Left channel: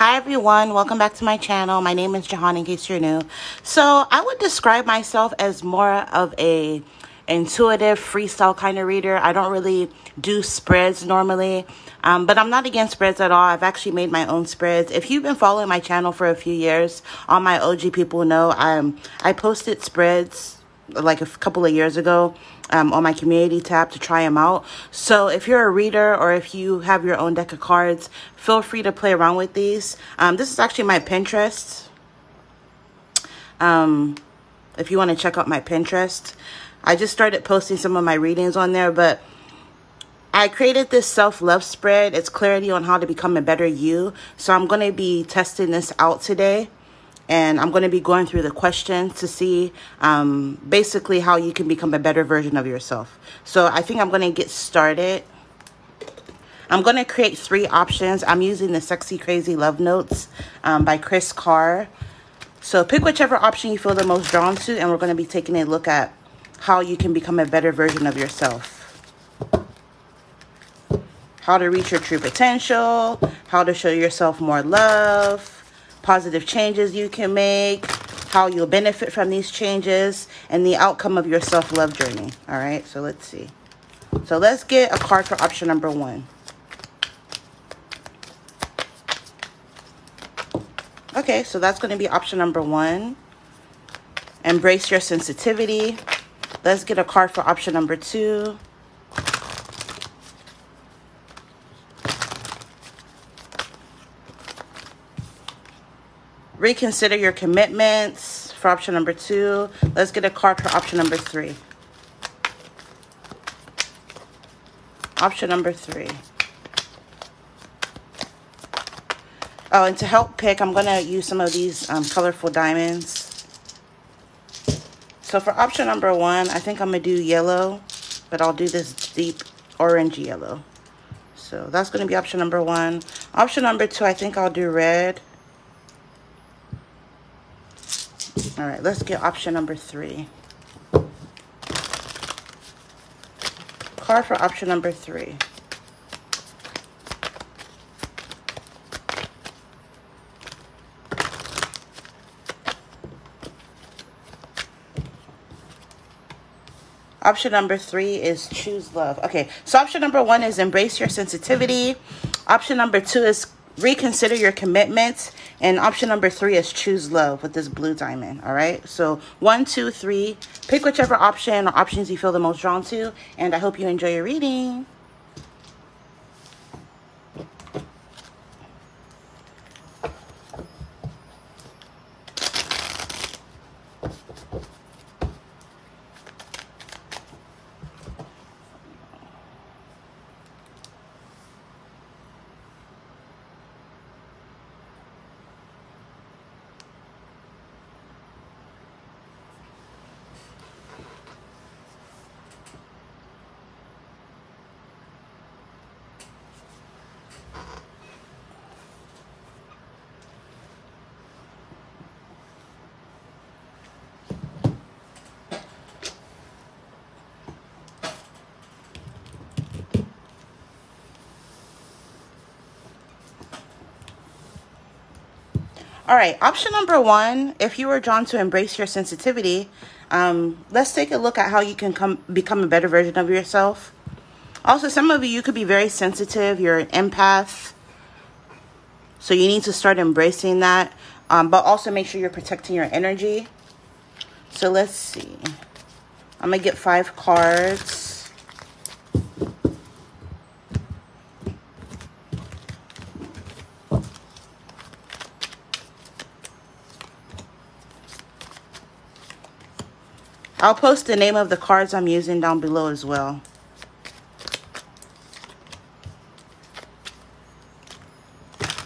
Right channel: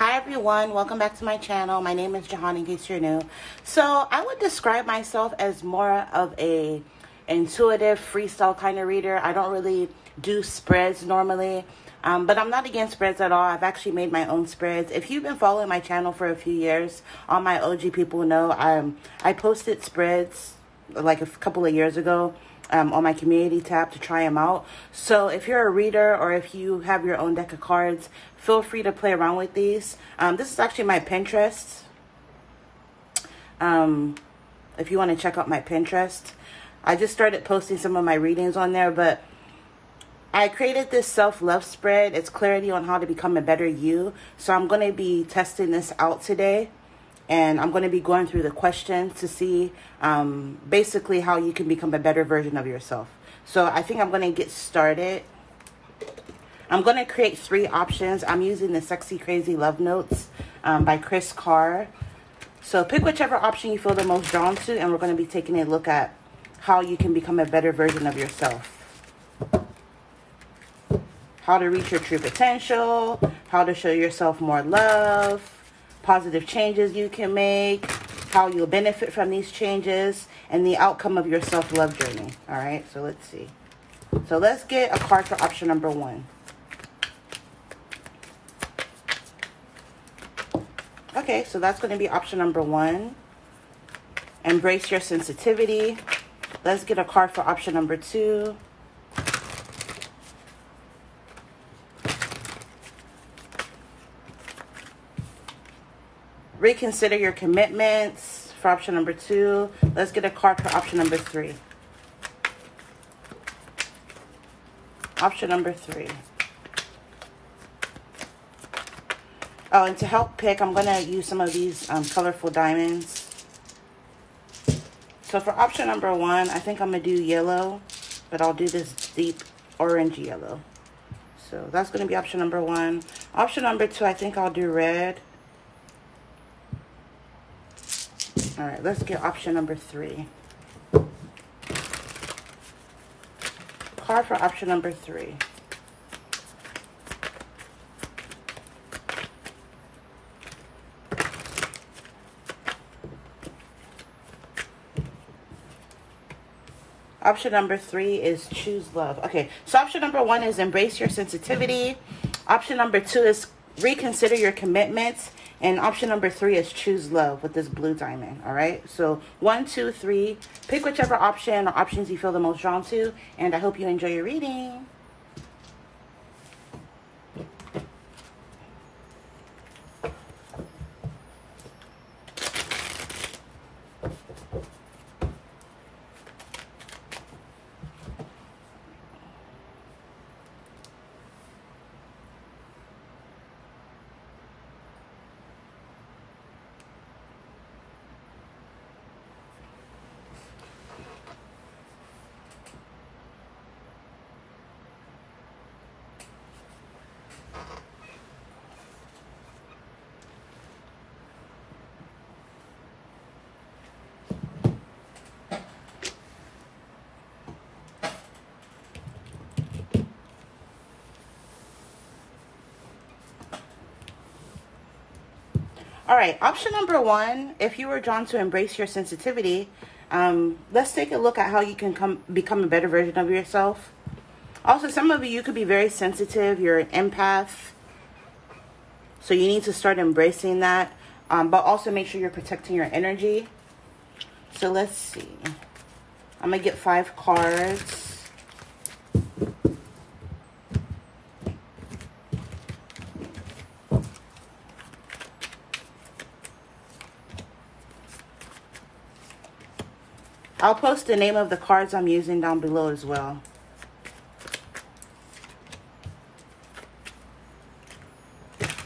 Hi everyone, welcome back to my channel. My name is Jahan in case you're new. So I would describe myself as more of a intuitive freestyle kind of reader. I don't really do spreads normally, but I'm not against spreads at all. I've actually made my own spreads. If you've been following my channel for a few years, all my OG people know I posted spreads like a couple of years ago on my community tab to try them out. So if you're a reader or if you have your own deck of cards, feel free to play around with these. This is actually my Pinterest. If you want to check out my Pinterest, I just started posting some of my readings on there, but I created this self-love spread. It's clarity on how to become a better you. So I'm going to be testing this out today. And I'm going to be going through the questions to see basically how you can become a better version of yourself. So I think I'm going to get started. I'm going to create 3 options. I'm using the Sexy Crazy Love Notes by Kris Carr. So pick whichever option you feel the most drawn to, and we're going to be taking a look at how you can become a better version of yourself. How to reach your true potential, how to show yourself more love, positive changes you can make, how you'll benefit from these changes, and the outcome of your self-love journey. All right, so let's see. So let's get a card for option number 1. Okay, so that's going to be option number 1. Embrace your sensitivity. Let's get a card for option number 2. Reconsider your commitments for option number 2. Let's get a card for option number 3. Option number 3. Oh, and to help pick, I'm going to use some of these colorful diamonds. So for option number 1, I think I'm going to do yellow, but I'll do this deep orange yellow. So that's going to be option number 1. Option number 2, I think I'll do red. All right, let's get option number 3. Card for option number 3. Option number 3 is choose love. Okay, so option number 1 is embrace your sensitivity. Option number 2 is reconsider your commitments, and option number 3 is choose love with this blue diamond. All right, so 1, 2, 3, pick whichever option or options you feel the most drawn to, and I hope you enjoy your reading. All right, option number 1, if you are drawn to embrace your sensitivity, let's take a look at how you can become a better version of yourself. Also, some of you could be very sensitive. You're an empath, so you need to start embracing that, but also make sure you're protecting your energy. So let's see. I'm going to get 5 cards. I'll post the name of the cards I'm using down below as well. That's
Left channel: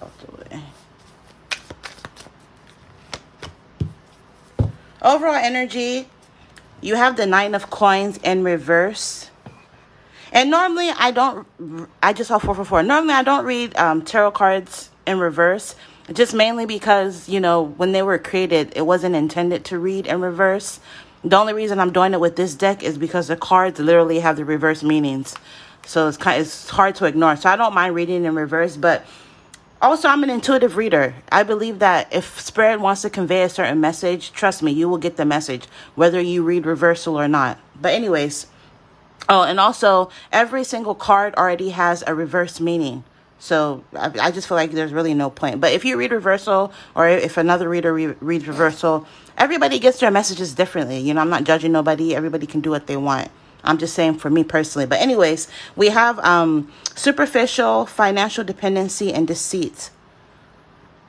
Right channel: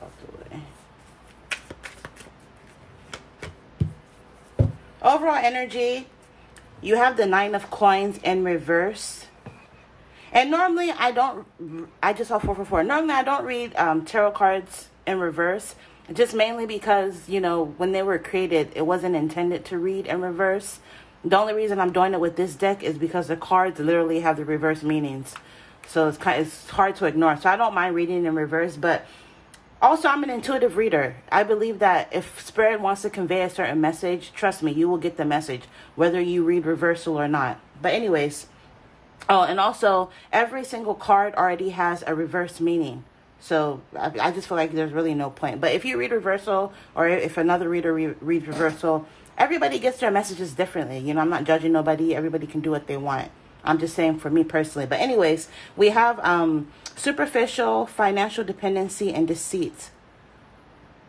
out the way. Overall energy, you have the 9 of coins in reverse. And normally I just saw 4 for 4. Normally I don't read tarot cards in reverse. Just mainly because, you know, when they were created, it wasn't intended to read in reverse. The only reason I'm doing it with this deck is because the cards literally have the reverse meanings. So it's hard to ignore. So I don't mind reading in reverse, but also I'm an intuitive reader. I believe that if Spirit wants to convey a certain message, trust me, you will get the message, whether you read reversal or not. But anyways, oh, and also every single card already has a reverse meaning. So I just feel like there's really no point. But if you read reversal, or if another reader reads reversal, everybody gets their messages differently. You know, I'm not judging nobody. Everybody can do what they want. I'm just saying for me personally. But anyways, we have superficial, financial dependency, and deceit.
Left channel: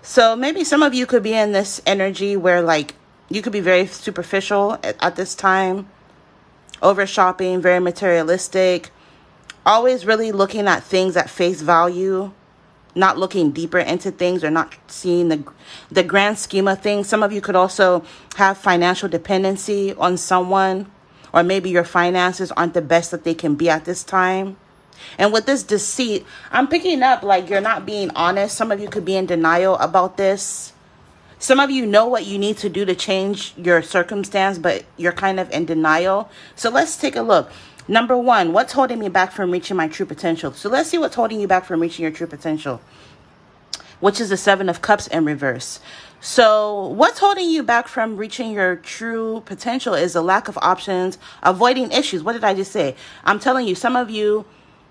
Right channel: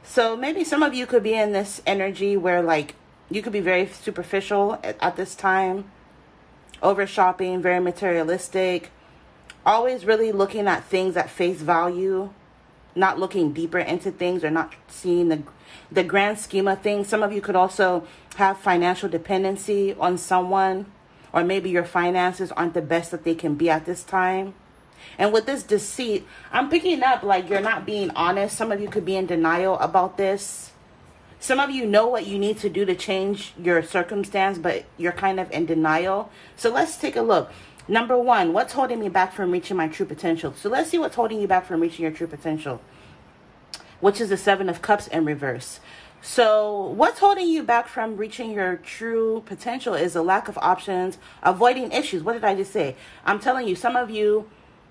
So maybe some of you could be in this energy where, like, you could be very superficial at this time, over shopping, very materialistic, always really looking at things at face value, not looking deeper into things, or not seeing the grand scheme of things. Some of you could also have financial dependency on someone, or maybe your finances aren't the best that they can be at this time. And with this deceit, I'm picking up like you're not being honest. Some of you could be in denial about this. Some of you know what you need to do to change your circumstance, but you're kind of in denial. So let's take a look. Number one, what's holding me back from reaching my true potential? So let's see what's holding you back from reaching your true potential, which is the Seven of Cups in reverse. So what's holding you back from reaching your true potential is a lack of options, avoiding issues. What did I just say? I'm telling you, some of you,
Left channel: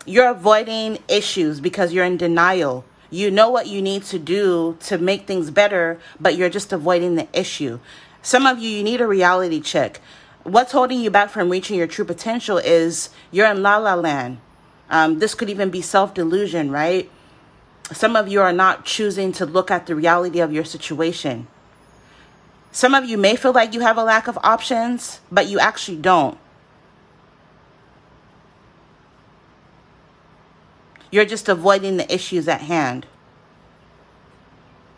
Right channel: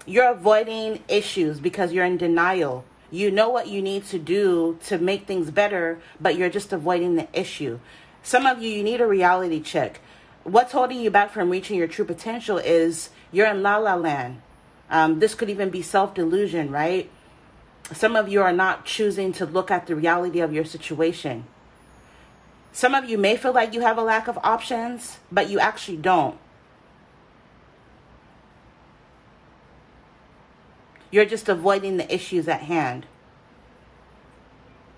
you're avoiding issues because you're in denial. You know what you need to do to make things better, but you're just avoiding the issue. Some of you, you need a reality check. What's holding you back from reaching your true potential is you're in la-la land. This could even be self-delusion, right? Some of you are not choosing to look at the reality of your situation. Some of you may feel like you have a lack of options, but you actually don't. You're just avoiding the issues at hand.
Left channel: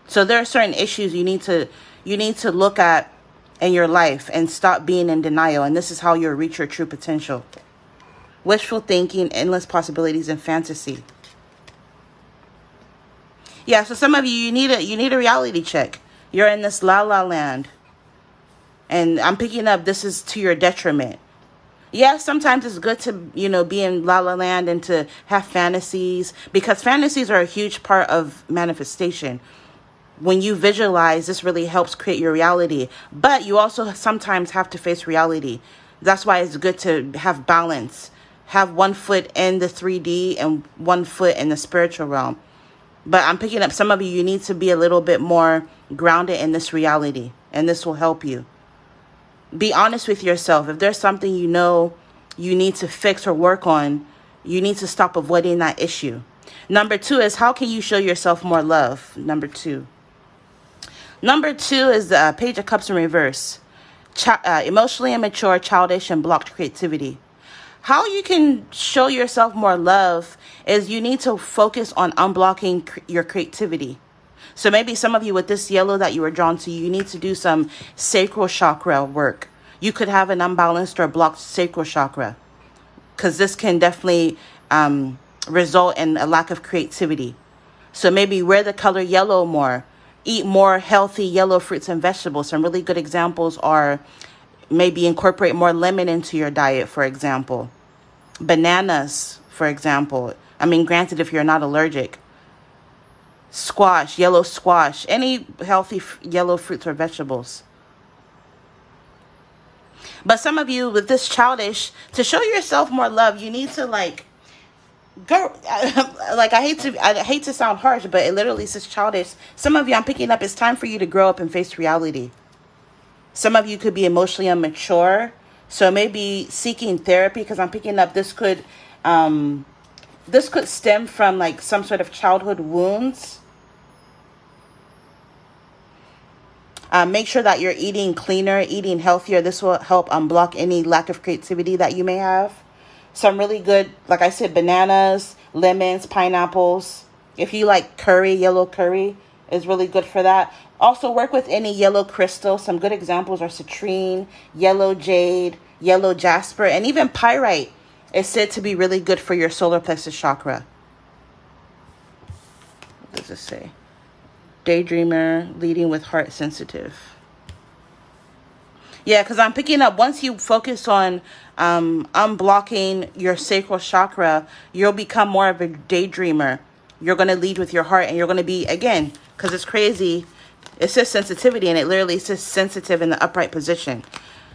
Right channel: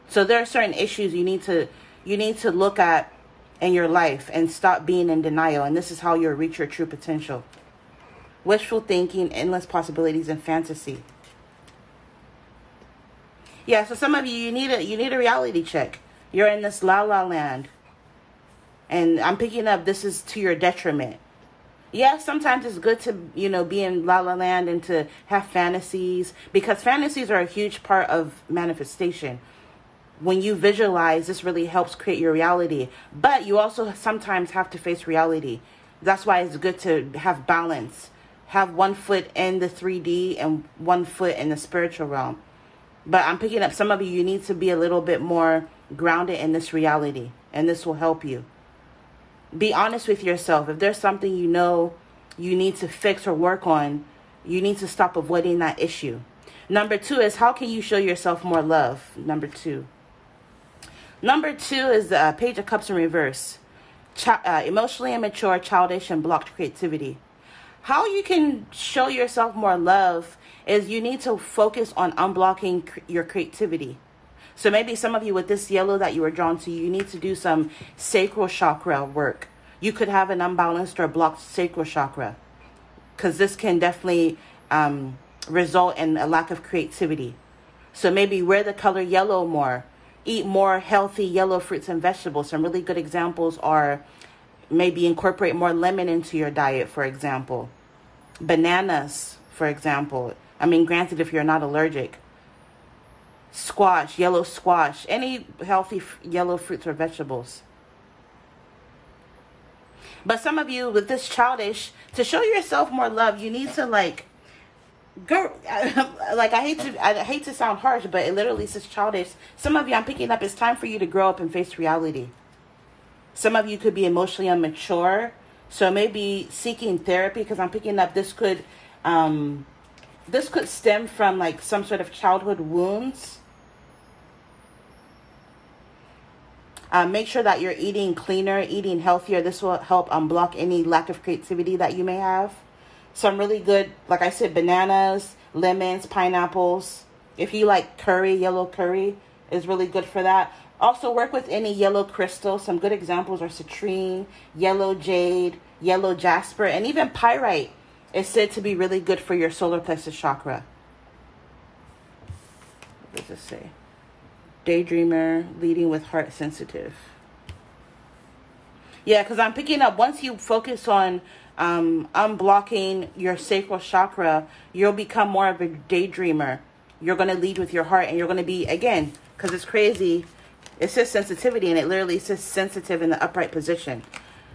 So there are certain issues you need to look at in your life and stop being in denial. And this is how you'll reach your true potential. Wishful thinking, endless possibilities, and fantasy. Yeah, so some of you, you need a reality check. You're in this la-la land. And I'm picking up this is to your detriment. Yeah, sometimes it's good to, you know, be in la-la land and to have fantasies, because fantasies are a huge part of manifestation. When you visualize, this really helps create your reality. But you also sometimes have to face reality. That's why it's good to have balance. Have one foot in the 3D and one foot in the spiritual realm. But I'm picking up some of you, you need to be a little bit more grounded in this reality. And this will help you. Be honest with yourself. If there's something you know you need to fix or work on, you need to stop avoiding that issue. Number two is, how can you show yourself more love? Number two. Number two is the Page of Cups in reverse. Emotionally immature, childish, and blocked creativity. How you can show yourself more love is you need to focus on unblocking your creativity. So maybe some of you with this yellow that you were drawn to, you need to do some sacral chakra work. You could have an unbalanced or blocked sacral chakra, because this can definitely result in a lack of creativity. So maybe wear the color yellow more. Eat more healthy yellow fruits and vegetables. Some really good examples are maybe incorporate more lemon into your diet, for example. Bananas, for example. I mean, granted, if you're not allergic. Squash, yellow squash, any healthy yellow fruits or vegetables. But some of you with this childish, to show yourself more love, you need to like go, like I hate to sound harsh, but it literally says childish. Some of you, I'm picking up, it's time for you to grow up and face reality. Some of you could be emotionally immature, so maybe seeking therapy, because I'm picking up this could stem from like some sort of childhood wounds. Make sure that you're eating cleaner, eating healthier. This will help unblock any lack of creativity that you may have. Some really good, like I said, bananas, lemons, pineapples. If you like curry, yellow curry is really good for that. Also work with any yellow crystal. Some good examples are citrine, yellow jade, yellow jasper, and even pyrite is said to be really good for your solar plexus chakra. What does it say? Daydreamer, leading with heart sensitive. Yeah, because I'm picking up, once you focus on unblocking your sacral chakra, you'll become more of a daydreamer. You're going to lead with your heart, and you're going to be, again, because it's crazy, it says sensitivity, and it literally says sensitive in the upright position.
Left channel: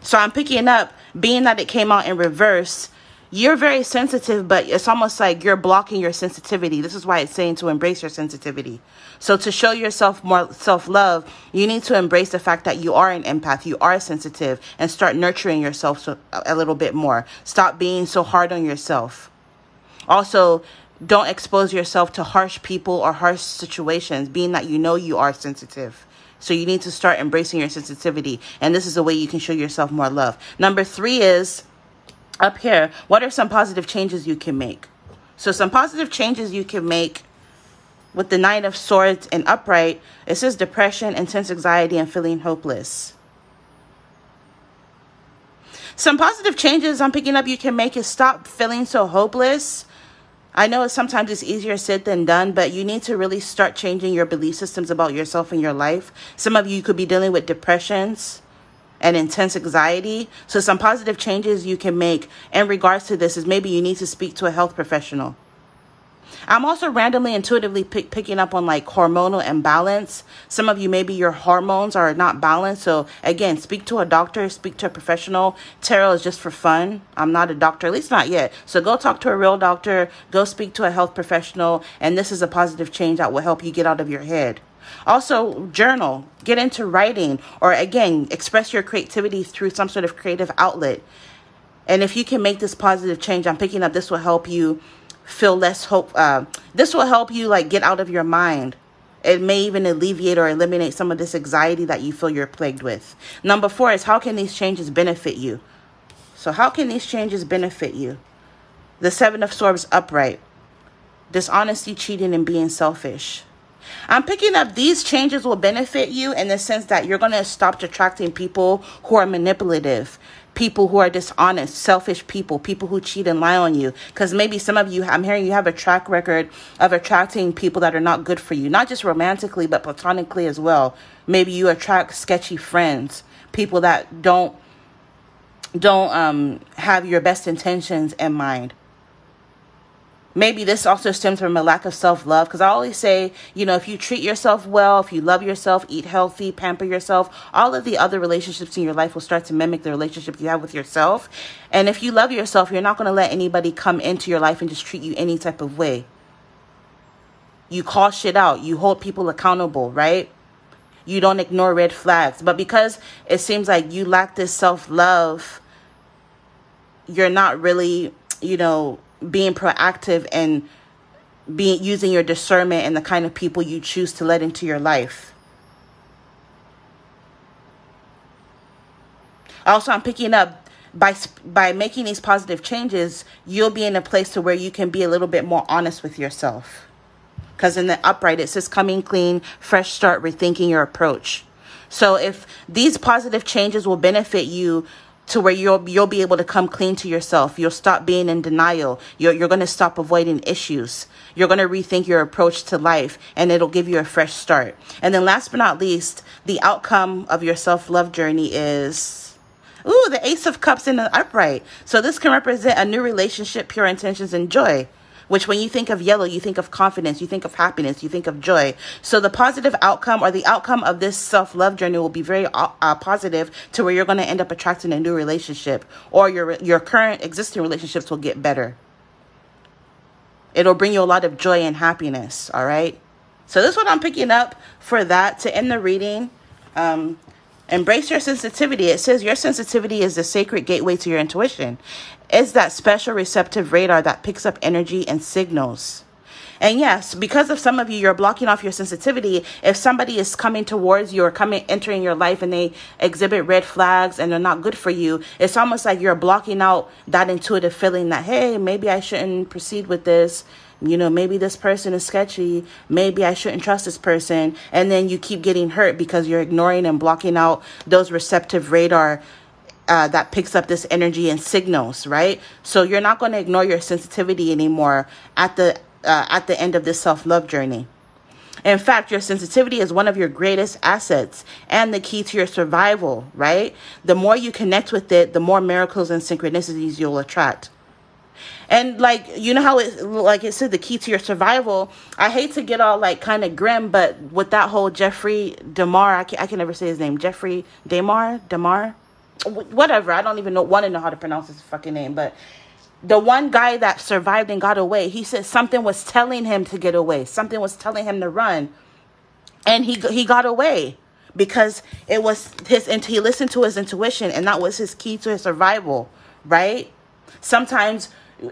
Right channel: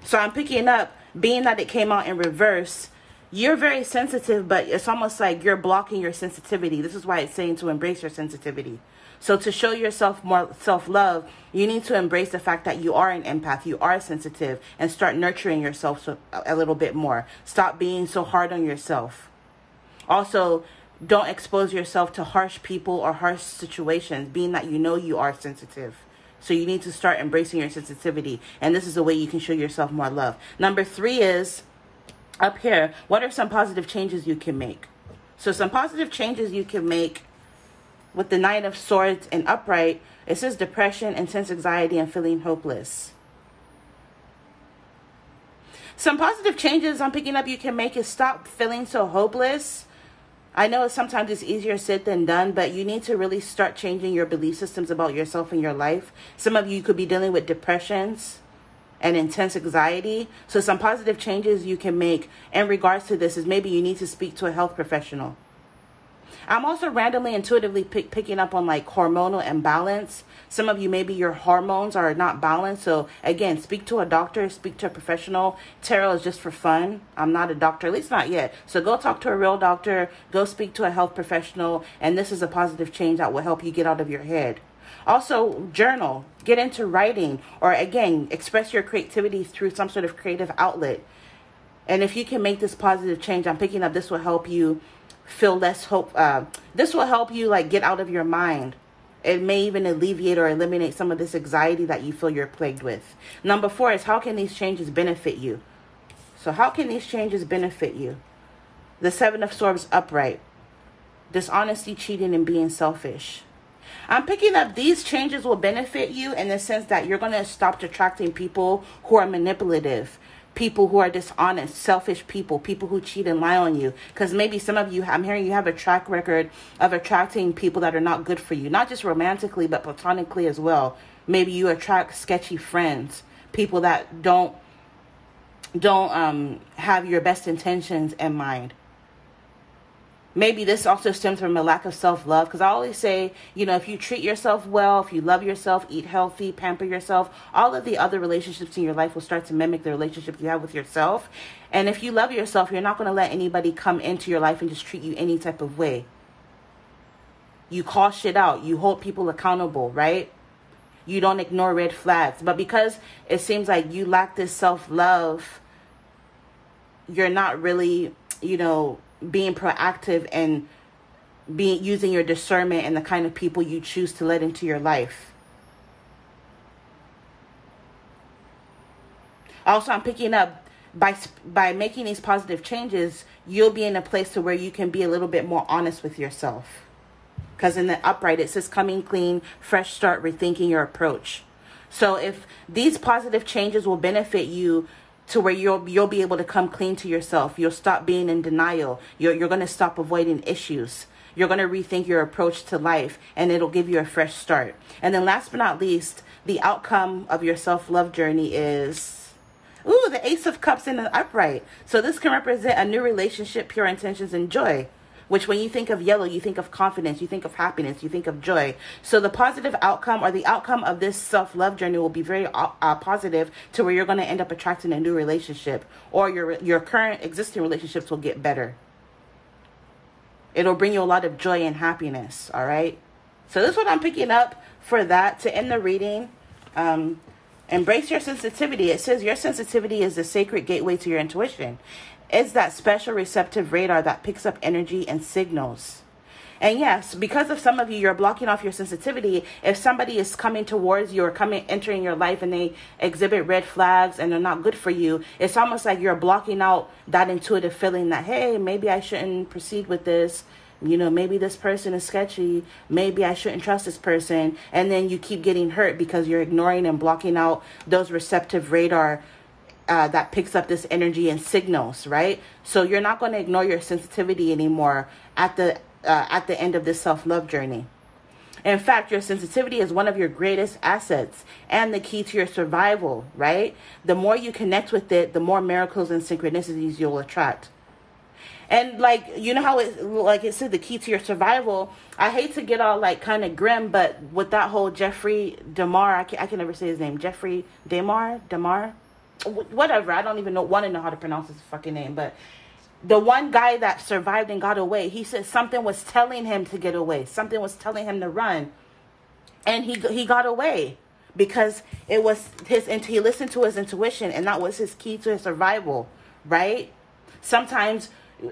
So I'm picking up, being that it came out in reverse, you're very sensitive, but it's almost like you're blocking your sensitivity. This is why it's saying to embrace your sensitivity. So to show yourself more self-love, you need to embrace the fact that you are an empath, you are sensitive, and start nurturing yourself a little bit more. Stop being so hard on yourself. Also, don't expose yourself to harsh people or harsh situations, being that you know you are sensitive. So you need to start embracing your sensitivity. And this is the way you can show yourself more love. Number 3 is, up here, what are some positive changes you can make? So some positive changes you can make with the Knight of Swords and upright, it says depression, intense anxiety, and feeling hopeless. Some positive changes I'm picking up you can make is stop feeling so hopeless. I know sometimes it's easier said than done, but you need to really start changing your belief systems about yourself and your life. Some of you could be dealing with depressions and intense anxiety. So some positive changes you can make in regards to this is maybe you need to speak to a health professional. I'm also randomly, intuitively picking up on like hormonal imbalance. Some of you, maybe your hormones are not balanced. So again, speak to a doctor, speak to a professional. Tarot is just for fun. I'm not a doctor, at least not yet. So go talk to a real doctor, go speak to a health professional. And this is a positive change that will help you get out of your head. Also, journal, get into writing, or again, express your creativity through some sort of creative outlet. And if you can make this positive change, I'm picking up this will help you feel less hope. This will help you like get out of your mind. It may even alleviate or eliminate some of this anxiety that you feel you're plagued with. Number 4 is, how can these changes benefit you? So how can these changes benefit you? The 7 of Swords upright. Dishonesty, cheating, and being selfish. I'm picking up these changes will benefit you in the sense that you're going to stop attracting people who are manipulative, people who are dishonest, selfish people, people who cheat and lie on you. Because maybe some of you, I'm hearing you have a track record of attracting people that are not good for you, not just romantically, but platonically as well. Maybe you attract sketchy friends, people that don't have your best intentions in mind. Maybe this also stems from a lack of self-love, because I always say, you know, if you treat yourself well, if you love yourself, eat healthy, pamper yourself, all of the other relationships in your life will start to mimic the relationship you have with yourself. And if you love yourself, you're not going to let anybody come into your life and just treat you any type of way. You call shit out. You hold people accountable, right? You don't ignore red flags. But because it seems like you lack this self-love, you're not really, you know, being proactive and using your discernment and the kind of people you choose to let into your life. Also, I'm picking up by making these positive changes, you'll be in a place to where you can be a little bit more honest with yourself. Because in the upright, it says coming clean, fresh start, rethinking your approach. So if these positive changes will benefit you to where you'll be able to come clean to yourself. You'll stop being in denial. You're going to stop avoiding issues. You're going to rethink your approach to life, and it'll give you a fresh start. And then last but not least, the outcome of your self-love journey is, ooh, the Ace of Cups in the upright. So this can represent a new relationship, pure intentions, and joy. Which when you think of yellow, you think of confidence, you think of happiness, you think of joy. So the positive outcome or the outcome of this self-love journey will be very positive to where you're going to end up attracting a new relationship, or your current existing relationships will get better. It'll bring you a lot of joy and happiness, all right? So this is what I'm picking up for that to end the reading. Embrace your sensitivity. It says your sensitivity is the sacred gateway to your intuition. It's that special receptive radar that picks up energy and signals. And yes, because of some of you, you're blocking off your sensitivity. If somebody is coming towards you or entering your life and they exhibit red flags and they're not good for you, it's almost like you're blocking out that intuitive feeling that, hey, maybe I shouldn't proceed with this. You know, maybe this person is sketchy. Maybe I shouldn't trust this person. And then you keep getting hurt because you're ignoring and blocking out those receptive radar that picks up this energy and signals, right? So you're not going to ignore your sensitivity anymore at the end of this self-love journey. In fact, your sensitivity is one of your greatest assets and the key to your survival, right? The more you connect with it, the more miracles and synchronicities you'll attract. And like, you know how it, like it said, the key to your survival. I hate to get all like kind of grim, but with that whole Jeffrey Dahmer, I can never say his name. Jeffrey Dahmer, whatever. I don't even want to know how to pronounce his fucking name. But the one guy that survived and got away, he said something was telling him to get away. Something was telling him to run, and he got away because it was he listened to his intuition, and that was his key to his survival, right? Sometimes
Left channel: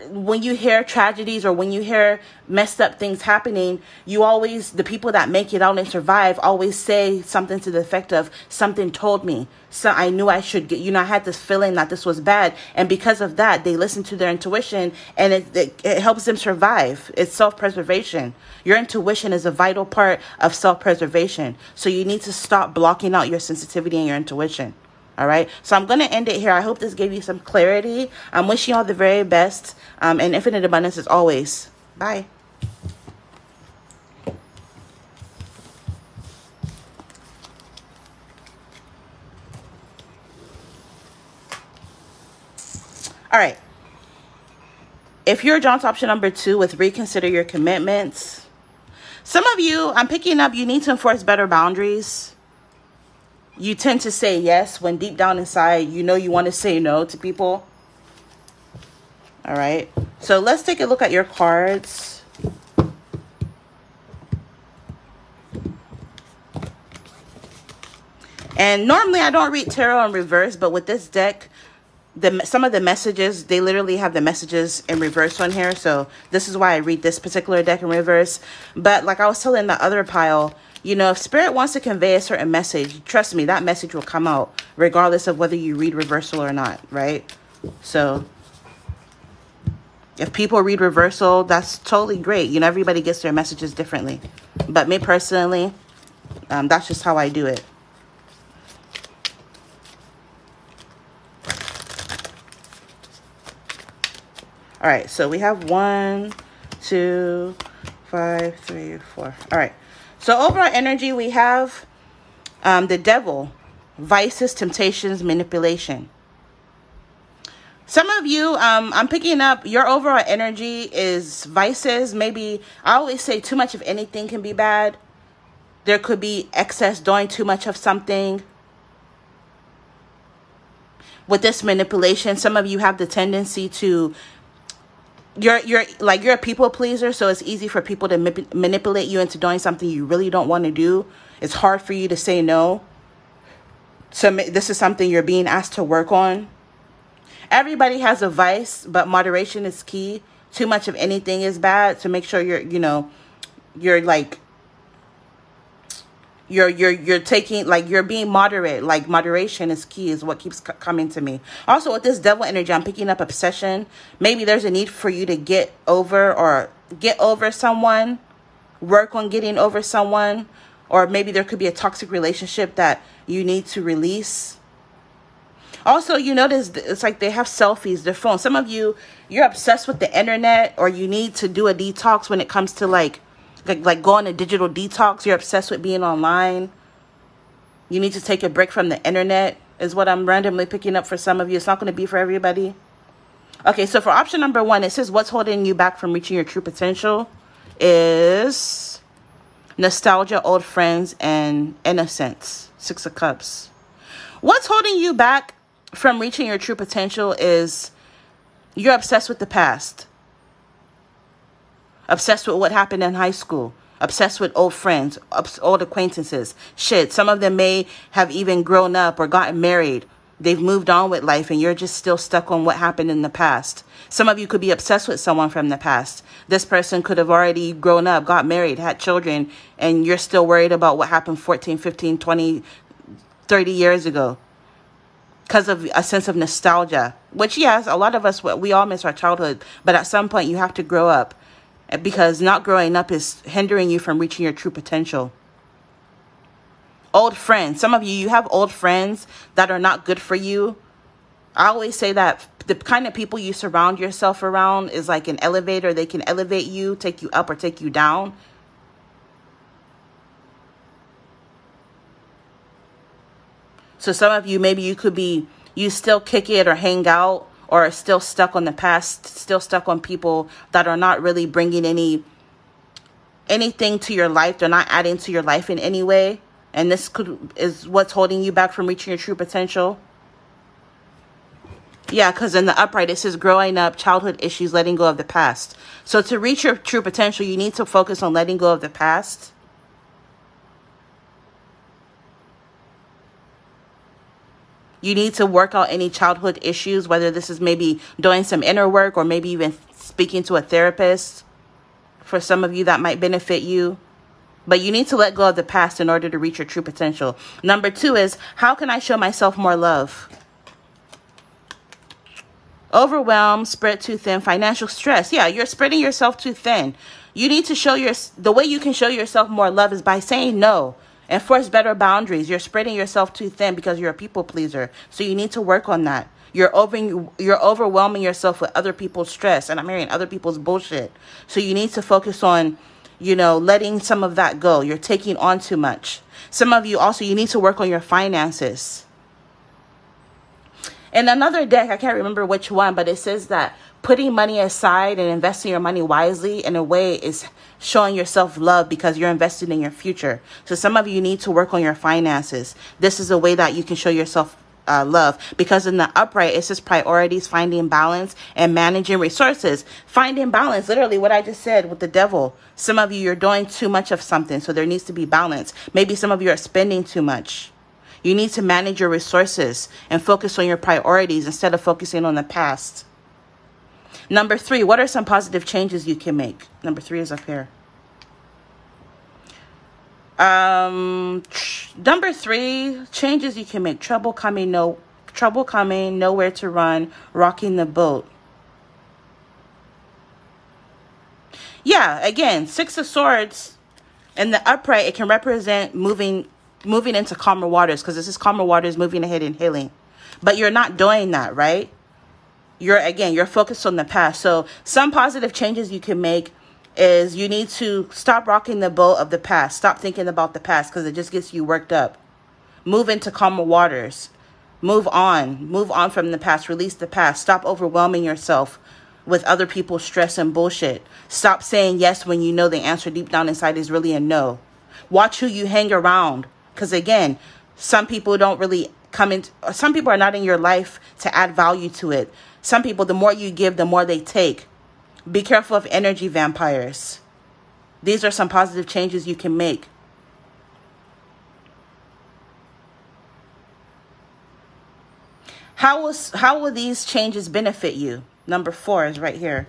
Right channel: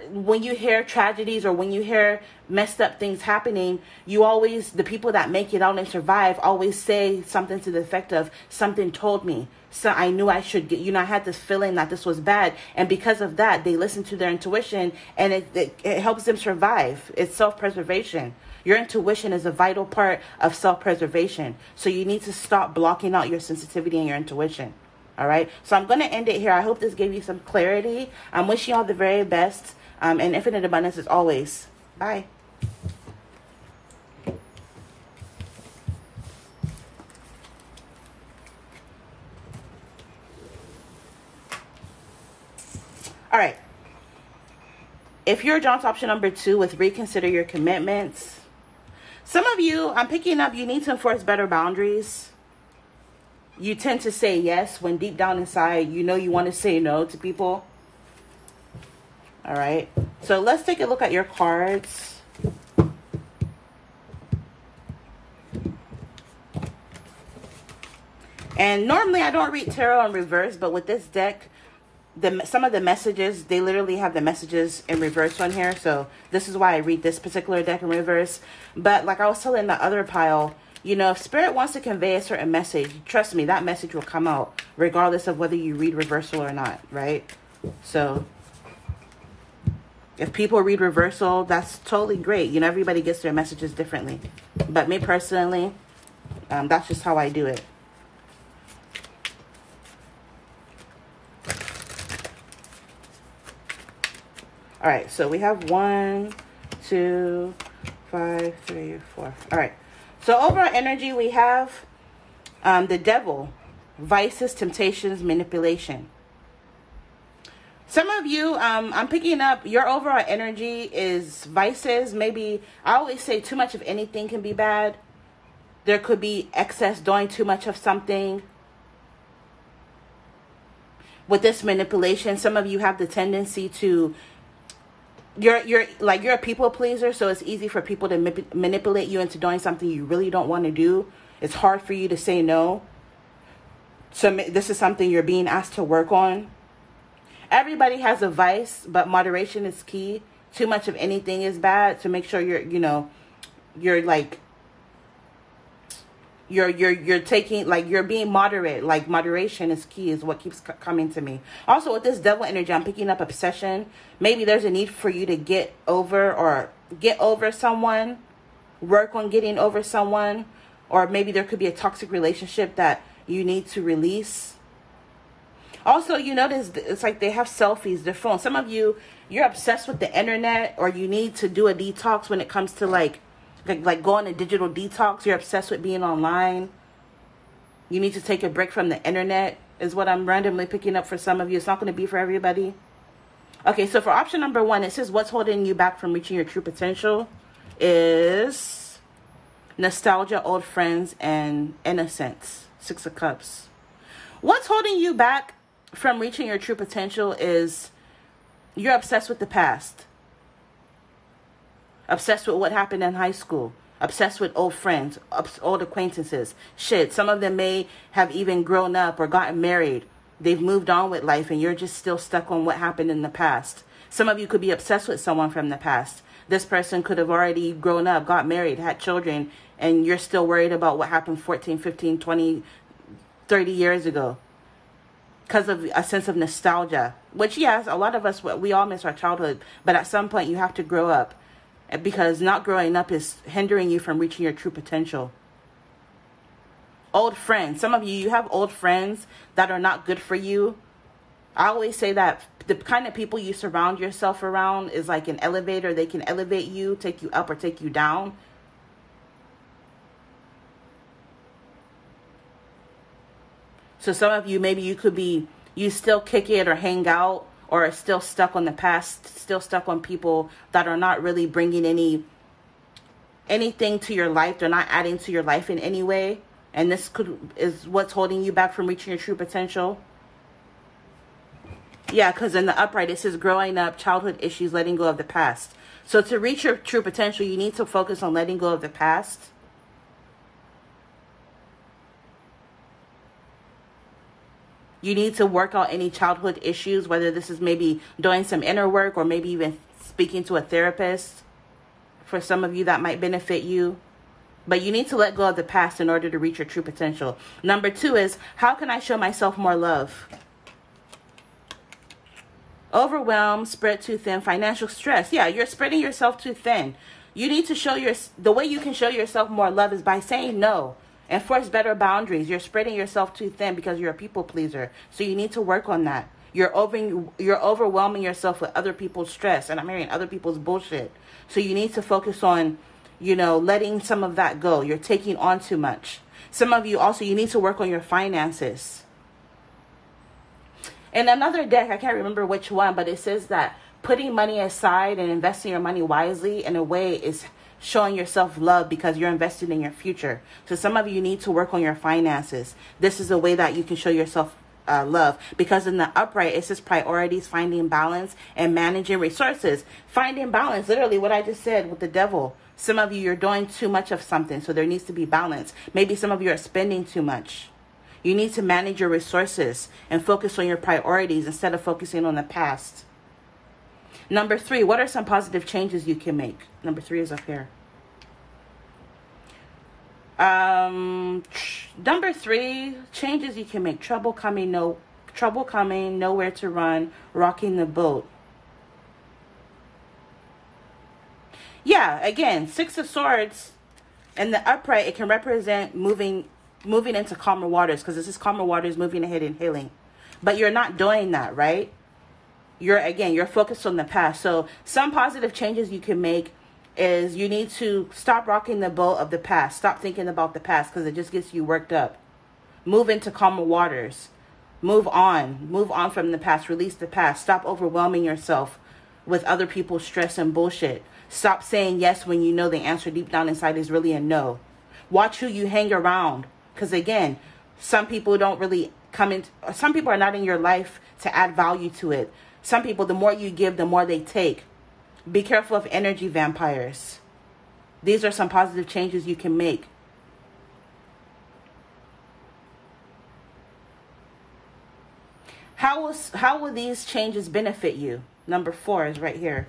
when you hear tragedies or when you hear messed up things happening, the people that make it out and survive always say something to the effect of, something told me, so I knew I should get, I had this feeling that this was bad. And because of that, they listen to their intuition, and it helps them survive. It's self-preservation. Your intuition is a vital part of self-preservation. So you need to stop blocking out your sensitivity and your intuition. All right, so I'm going to end it here. I hope this gave you some clarity. I'm wishing you all the very best and infinite abundance as always. Bye. All right. If you're drawn to option number 2 with reconsider your commitments, some of you, I'm picking up, you need to enforce better boundaries. You tend to say yes when deep down inside, you want to say no to people. All right. So let's take a look at your cards. And normally I don't read tarot in reverse, but with this deck, some of the messages, they literally have the messages in reverse on here. So this is why I read this particular deck in reverse. But like I was telling the other pile, if Spirit wants to convey a certain message, trust me, that message will come out regardless of whether you read reversal or not, right? So if people read reversal, that's totally great. Everybody gets their messages differently. But me personally, that's just how I do it. All right, so we have 1, 2, 5, 3, 4. All right. So overall energy, we have the devil, vices, temptations, manipulation. Some of you, I'm picking up your overall energy is vices. Maybe, I always say too much of anything can be bad. There could be excess, doing too much of something. With this manipulation, some of you have the tendency to, you're a people pleaser, so it's easy for people to manipulate you into doing something you really don't want to do. It's hard for you to say no. So this is something you're being asked to work on. Everybody has a vice, but moderation is key. Too much of anything is bad. So make sure you're taking, like, you're being moderate. Like, moderation is key, is what keeps coming to me. Also, with this devil energy, I'm picking up obsession. Maybe there's a need for you to get over someone, work on getting over someone, or maybe there could be a toxic relationship that you need to release. Also, you notice it's like they have selfies, their phone. Some of you, you're obsessed with the internet, or you need to do a detox when it comes to like go on a digital detox. You're obsessed with being online. You need to take a break from the internet, is what I'm randomly picking up for some of you. It's not going to be for everybody. Okay, so for option number 1, it says what's holding you back from reaching your true potential is nostalgia, old friends, and innocence. 6 of Cups. What's holding you back from reaching your true potential is you're obsessed with the past. Obsessed with what happened in high school. Obsessed with old friends, old acquaintances. Shit, some of them may have even grown up or gotten married. They've moved on with life, and you're just still stuck on what happened in the past. Some of you could be obsessed with someone from the past. This person could have already grown up, got married, had children, and you're still worried about what happened 14, 15, 20, 30 years ago. Because of a sense of nostalgia. Which, yes, a lot of us, we all miss our childhood. But at some point, you have to grow up. Because not growing up is hindering you from reaching your true potential. Old friends. Some of you, you have old friends that are not good for you. I always say that the kind of people you surround yourself around is like an elevator. They can elevate you, take you up, or take you down. So some of you, maybe you still kick it or hang out, or are still stuck on the past, still stuck on people that are not really bringing anything to your life. They're not adding to your life in any way. And this is what's holding you back from reaching your true potential. Yeah, because in the upright, it says growing up, childhood issues, letting go of the past. So to reach your true potential, you need to focus on letting go of the past. You need to work out any childhood issues, whether this is maybe doing some inner work or maybe even speaking to a therapist. For some of you, that might benefit you. But you need to let go of the past in order to reach your true potential. Number 2 is, how can I show myself more love? Overwhelmed, spread too thin, financial stress. Yeah, you're spreading yourself too thin. You need to the way you can show yourself more love is by saying no. Enforce better boundaries. You're spreading yourself too thin because you're a people pleaser. So you need to work on that. You're overwhelming yourself with other people's stress, and I'm hearing other people's bullshit. So you need to focus on, you know, letting some of that go. You're taking on too much. Some of you also, you need to work on your finances. And another deck, I can't remember which one, but it says that putting money aside and investing your money wisely in a way is showing yourself love because you're investing in your future. So some of you need to work on your finances. This is a way that you can show yourself love, because in the upright, it says priorities, finding balance, and managing resources. Finding balance, literally what I just said with the devil. Some of you, you're doing too much of something, so there needs to be balance. Maybe some of you are spending too much. You need to manage your resources and focus on your priorities instead of focusing on the past. Number 3, what are some positive changes you can make? Number 3 is up here. Number 3, changes you can make. Trouble coming, nowhere to run, rocking the boat. Yeah, again, 6 of Swords in the upright, it can represent moving into calmer waters, because this is calmer waters, moving ahead and healing. But you're not doing that, right? You're focused on the past. So some positive changes you can make is you need to stop rocking the boat of the past. Stop thinking about the past, because it just gets you worked up. Move into calmer waters. Move on from the past. Release the past. Stop overwhelming yourself with other people's stress and bullshit. Stop saying yes when you know the answer deep down inside is really a no. Watch who you hang around, because again, some people don't really some people are not in your life to add value to it. Some people, the more you give, the more they take. Be careful of energy vampires. These are some positive changes you can make. How will these changes benefit you? Number 4 is right here.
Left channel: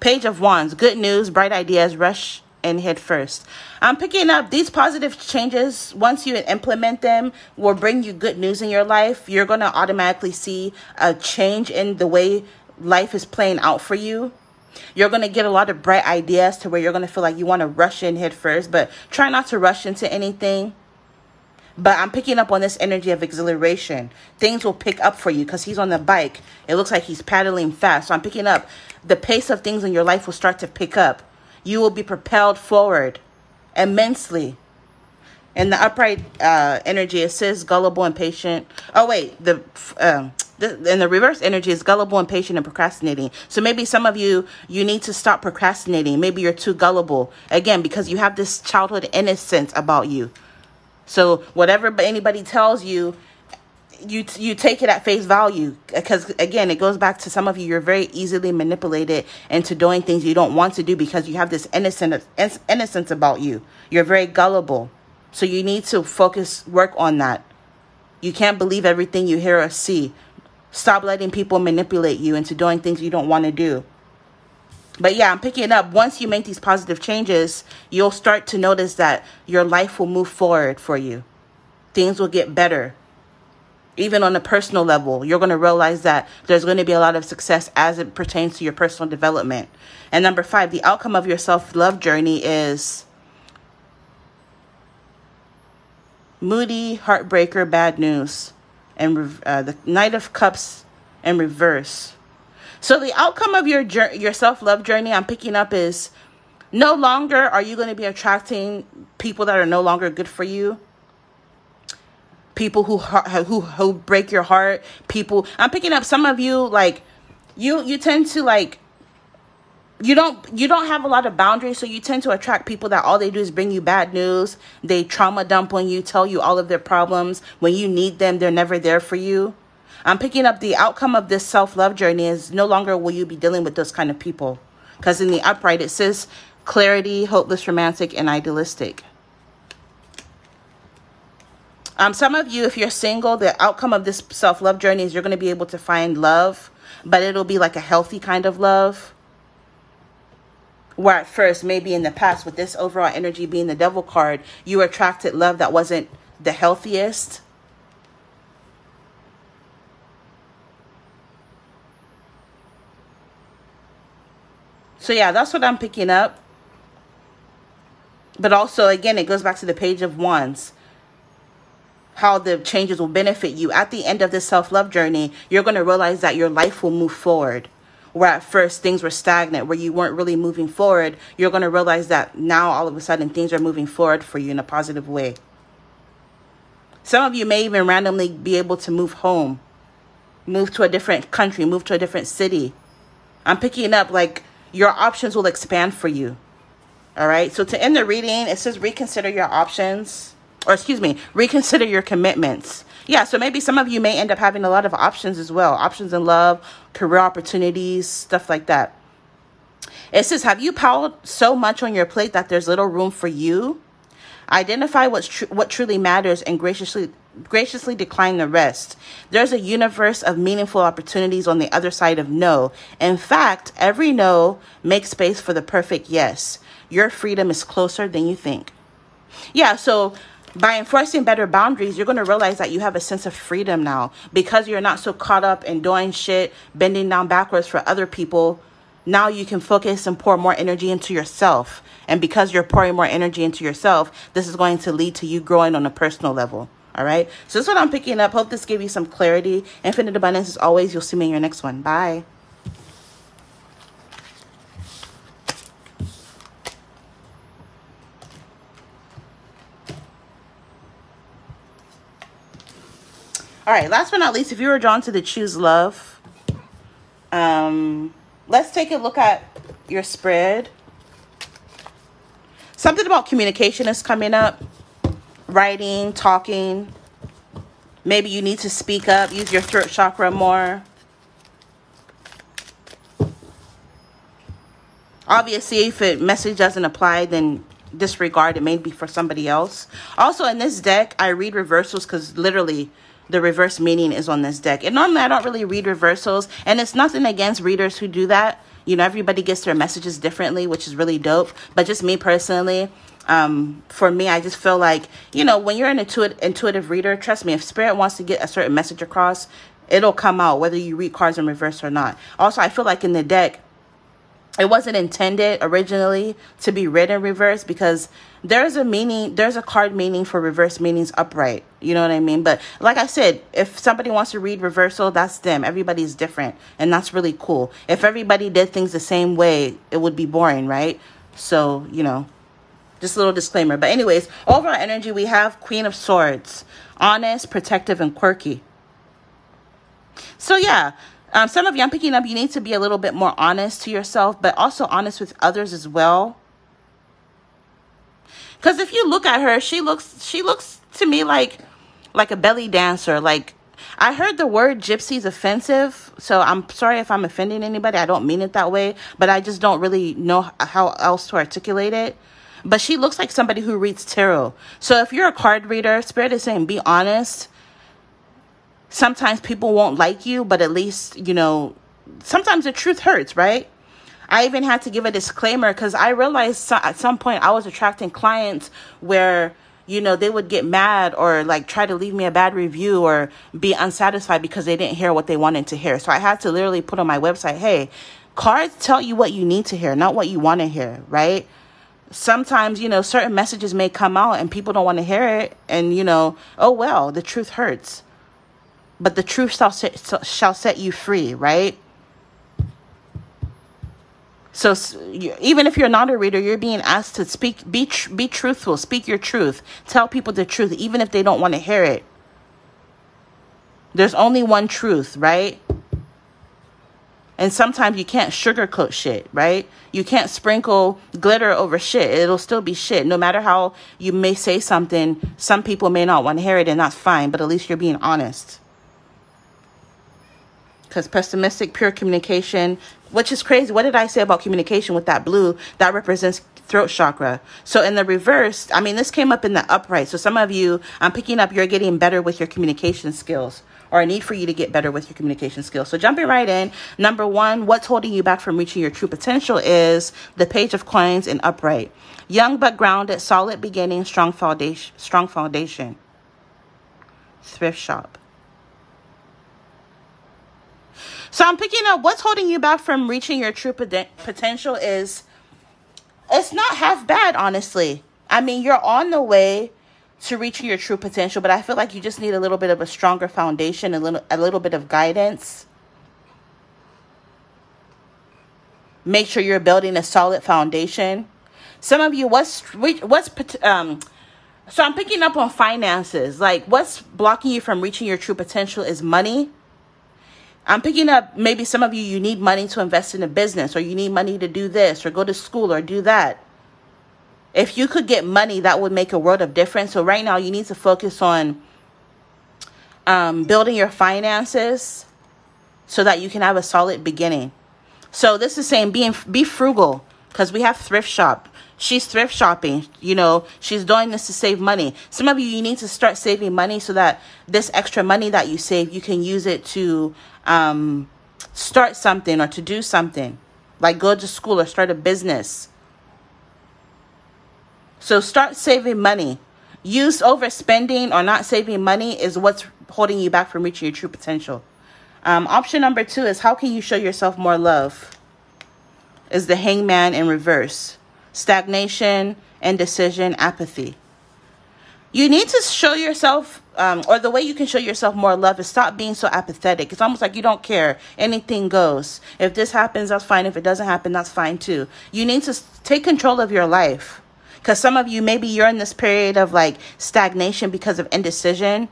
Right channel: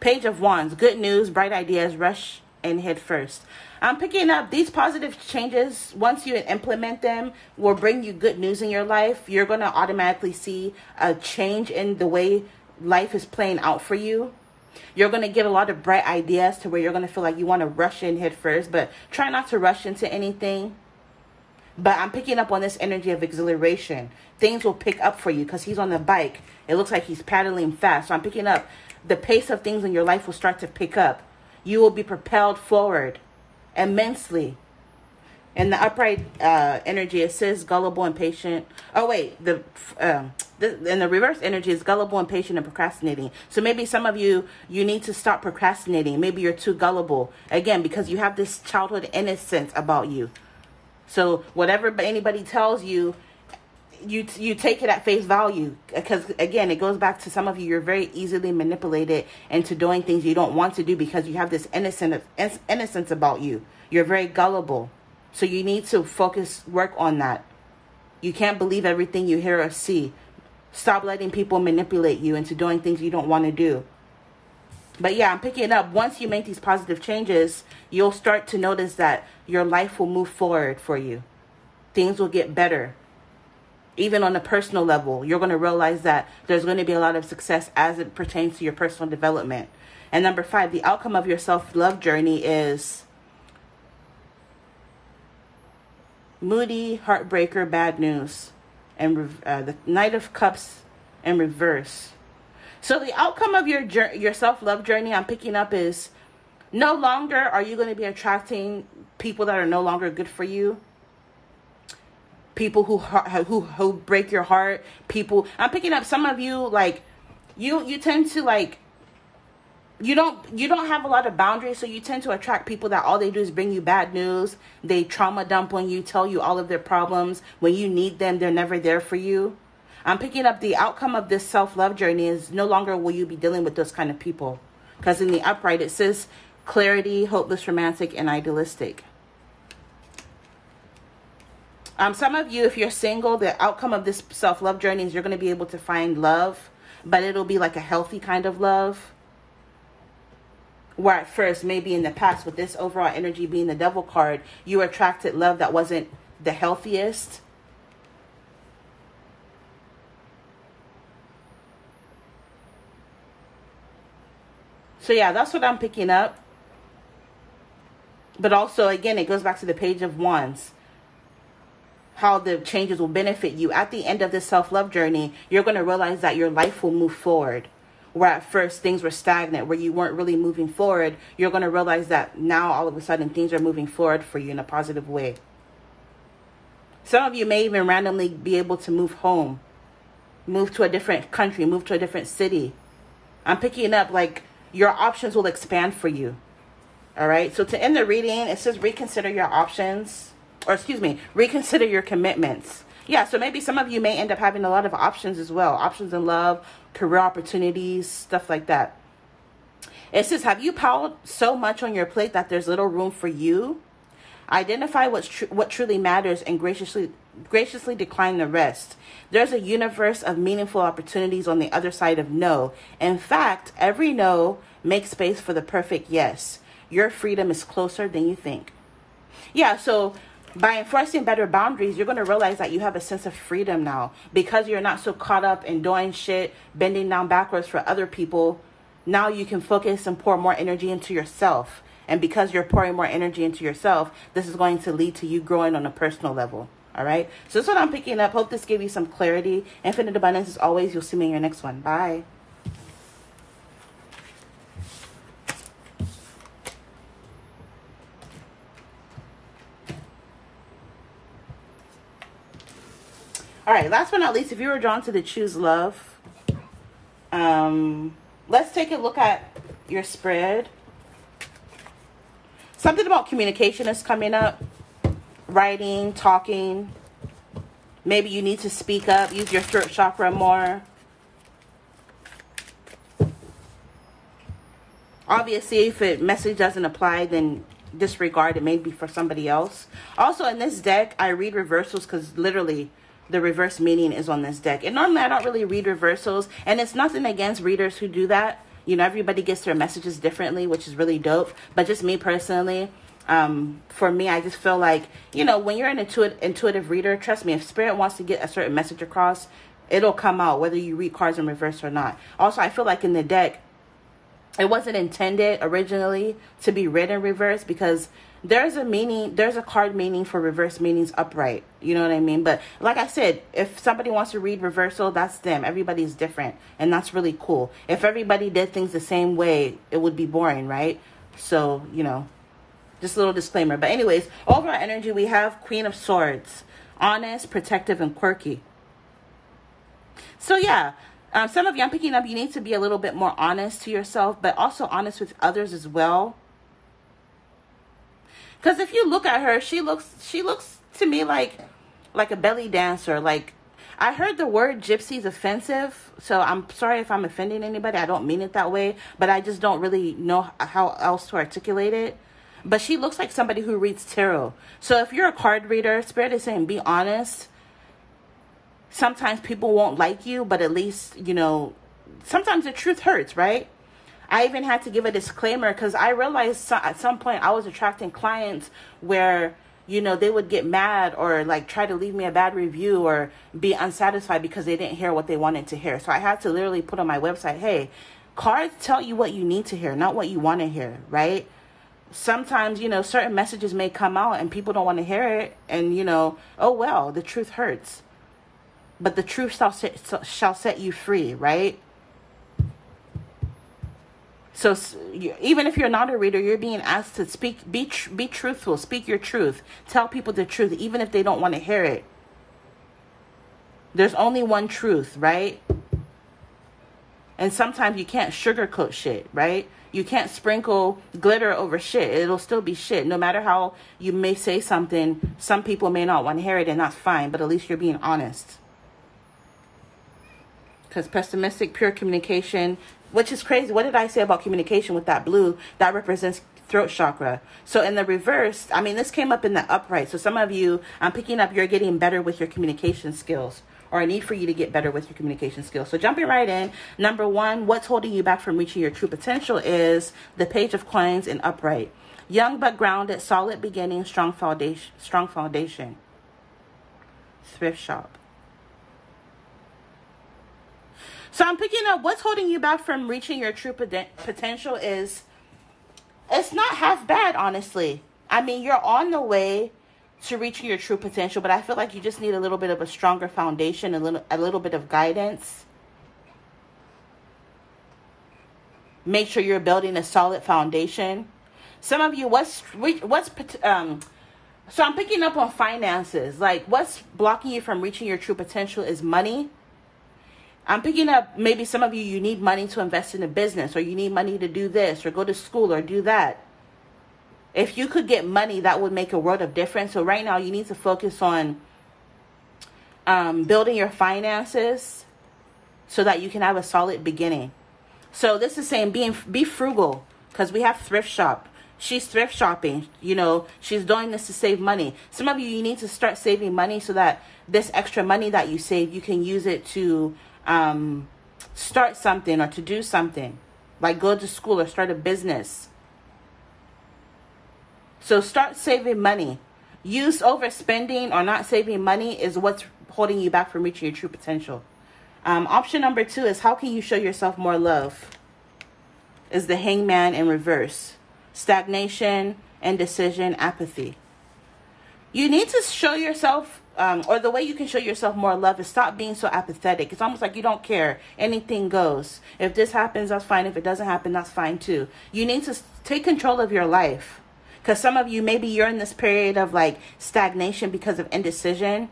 Page of Wands. Good news, bright ideas, rush and head first. I'm picking up these positive changes. Once you implement them, will bring you good news in your life. You're going to automatically see a change in the way life is playing out for you. You're going to get a lot of bright ideas to where you're going to feel like you want to rush in head first, but try not to rush into anything. But I'm picking up on this energy of exhilaration. Things will pick up for you because he's on the bike. It looks like he's paddling fast. So I'm picking up the pace of things in your life will start to pick up. You will be propelled forward immensely. In the upright energy, it says gullible and patient. Oh, wait. In the reverse energy is gullible and patient and procrastinating. So maybe some of you need to stop procrastinating. Maybe you're too gullible. Again, because you have this childhood innocence about you. So whatever anybody tells you, you take it at face value. Because, again, it goes back to some of you, you're very easily manipulated into doing things you don't want to do because you have this innocence about you. You're very gullible. So you need to work on that. You can't believe everything you hear or see. Stop letting people manipulate you into doing things you don't want to do. But yeah, I'm picking it up. Once you make these positive changes, you'll start to notice that your life will move forward for you. Things will get better. Even on a personal level, you're going to realize that there's going to be a lot of success as it pertains to your personal development. And number 5, the outcome of your self-love journey is moody, heartbreaker, bad news, and the Knight of Cups in reverse. So the outcome of your self-love journey I'm picking up is no longer are you going to be attracting people that are no longer good for you. people who break your heart, people. I'm picking up some of you, like, you tend to, like, you don't have a lot of boundaries, so you tend to attract people that all they do is bring you bad news. They trauma dump on you, tell you all of their problems. When you need them, they're never there for you. I'm picking up the outcome of this self-love journey is no longer will you be dealing with those kind of people. Because in the upright, it says clarity, hopeless, romantic, and idealistic. Some of you, if you're single, the outcome of this self-love journey is you're going to be able to find love, but it'll be like a healthy kind of love. Where at first, maybe in the past, with this overall energy being the devil card, you attracted love that wasn't the healthiest. So yeah, that's what I'm picking up. But also, again, it goes back to the Page of Wands. How the changes will benefit you. At the end of this self-love journey, you're going to realize that your life will move forward. Where at first things were stagnant, where you weren't really moving forward, you're going to realize that now all of a sudden things are moving forward for you in a positive way. Some of you may even randomly be able to move home, move to a different country, move to a different city. I'm picking up like your options will expand for you. All right. So to end the reading, it says reconsider your options, or excuse me, reconsider your commitments. Yeah, so maybe some of you may end up having a lot of options as well. Options in love, career opportunities, stuff like that. It says, have you piled so much on your plate that there's little room for you? Identify what truly matters and graciously decline the rest. There's a universe of meaningful opportunities on the other side of no. In fact, every no makes space for the perfect yes. Your freedom is closer than you think. Yeah, so by enforcing better boundaries, you're going to realize that you have a sense of freedom now. Because you're not so caught up in doing shit, bending down backwards for other people. Now you can focus and pour more energy into yourself. And because you're pouring more energy into yourself, this is going to lead to you growing on a personal level. All right. So this is what I'm picking up. Hope this gave you some clarity. Infinite abundance as always. You'll see me in your next one. Bye. All right, last but not least, if you were drawn to the Choose Love, let's take a look at your spread. Something about communication is coming up. Writing, talking. Maybe you need to speak up, use your throat chakra more. Obviously, if a message doesn't apply, then disregard. It may be for somebody else. Also, in this deck, I read reversals because literally the reverse meaning is on this deck. And normally I don't really read reversals, and it's nothing against readers who do that. You know, everybody gets their messages differently, which is really dope. But just me personally, for me, I just feel like, you know, when you're an intuitive reader, trust me, if Spirit wants to get a certain message across, it'll come out whether you read cards in reverse or not. Also, I feel like in the deck, it wasn't intended originally to be read in reverse because there's a meaning, there's a card meaning for reverse meanings upright. You know what I mean? But like I said, if somebody wants to read reversal, that's them. Everybody's different. And that's really cool. If everybody did things the same way, it would be boring, right? So, you know, just a little disclaimer. But anyways, overall energy, we have Queen of Swords. Honest, protective, and quirky. So yeah. Some of you, I'm picking up, you need to be a little bit more honest to yourself, but also honest with others as well. Because if you look at her, she looks to me like a belly dancer. Like, I heard the word gypsy is offensive, so I'm sorry if I'm offending anybody. I don't mean it that way, but I just don't really know how else to articulate it. But she looks like somebody who reads tarot. So if you're a card reader, Spirit is saying be honest. Sometimes people won't like you, but at least, you know, sometimes the truth hurts, right? I even had to give a disclaimer because I realized at some point I was attracting clients where, you know, they would get mad or like try to leave me a bad review or be unsatisfied because they didn't hear what they wanted to hear. So I had to literally put on my website, hey, cards tell you what you need to hear, not what you want to hear, right? Sometimes, you know, certain messages may come out and people don't want to hear it. And, you know, oh, well, the truth hurts. But the truth shall set you free, right? So even if you're not a reader, you're being asked to speak, be truthful, speak your truth. Tell people the truth, even if they don't want to hear it. There's only one truth, right? And sometimes you can't sugarcoat shit, right? You can't sprinkle glitter over shit. It'll still be shit. No matter how you may say something, some people may not want to hear it, and that's fine. But at least you're being honest. Because pessimistic, pure communication, which is crazy. What did I say about communication with that blue? That represents throat chakra. So in the reverse, I mean, this came up in the upright. So some of you, I'm picking up, you're getting better with your communication skills, or a need for you to get better with your communication skills. So jumping right in, number one, what's holding you back from reaching your true potential is the Page of Coins in upright. Young but grounded, solid beginning, strong foundation, strong foundation. Thrift shop. So I'm picking up what's holding you back from reaching your true potential is, it's not half bad, honestly. I mean, you're on the way to reaching your true potential, but I feel like you just need a little bit of a stronger foundation, a little bit of guidance. Make sure you're building a solid foundation. Some of you, so I'm picking up on finances. Like, what's blocking you from reaching your true potential is money. I'm picking up, maybe some of you, you need money to invest in a business, or you need money to do this, or go to school, or do that. If you could get money, that would make a world of difference. So right now, you need to focus on building your finances so that you can have a solid beginning. So this is saying be frugal, because we have thrift shop. She's thrift shopping. You know, she's doing this to save money. Some of you, you need to start saving money so that this extra money that you save, you can use it to start something or to do something, like go to school or start a business. So start saving money. Use overspending or not saving money is what's holding you back from reaching your true potential. Option number 2 is, how can you show yourself more love? Is the Hangman in reverse. Stagnation, indecision, apathy. You need to show yourself, or the way you can show yourself more love is stop being so apathetic. It's almost like you don't care. Anything goes. If this happens, that's fine. If it doesn't happen, that's fine too. You need to take control of your life. Because some of you, maybe you're in this period of like stagnation because of indecision.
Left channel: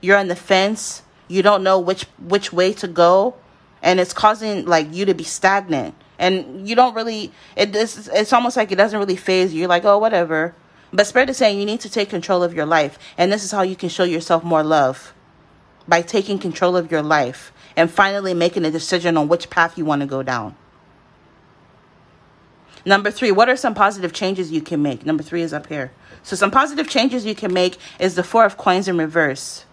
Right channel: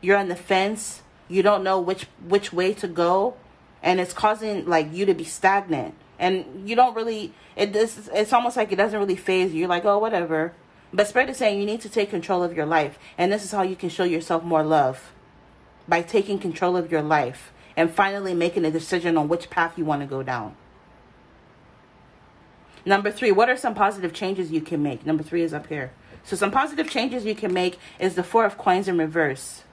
You're on the fence. You don't know which way to go. And it's causing like you to be stagnant. And you don't really, it's almost like it doesn't really faze you. You're like, oh, whatever. But Spirit is saying you need to take control of your life. And this is how you can show yourself more love. By taking control of your life. And finally making a decision on which path you want to go down. Number 3, what are some positive changes you can make? Number 3 is up here. So some positive changes you can make is the 4 of Coins in reverse.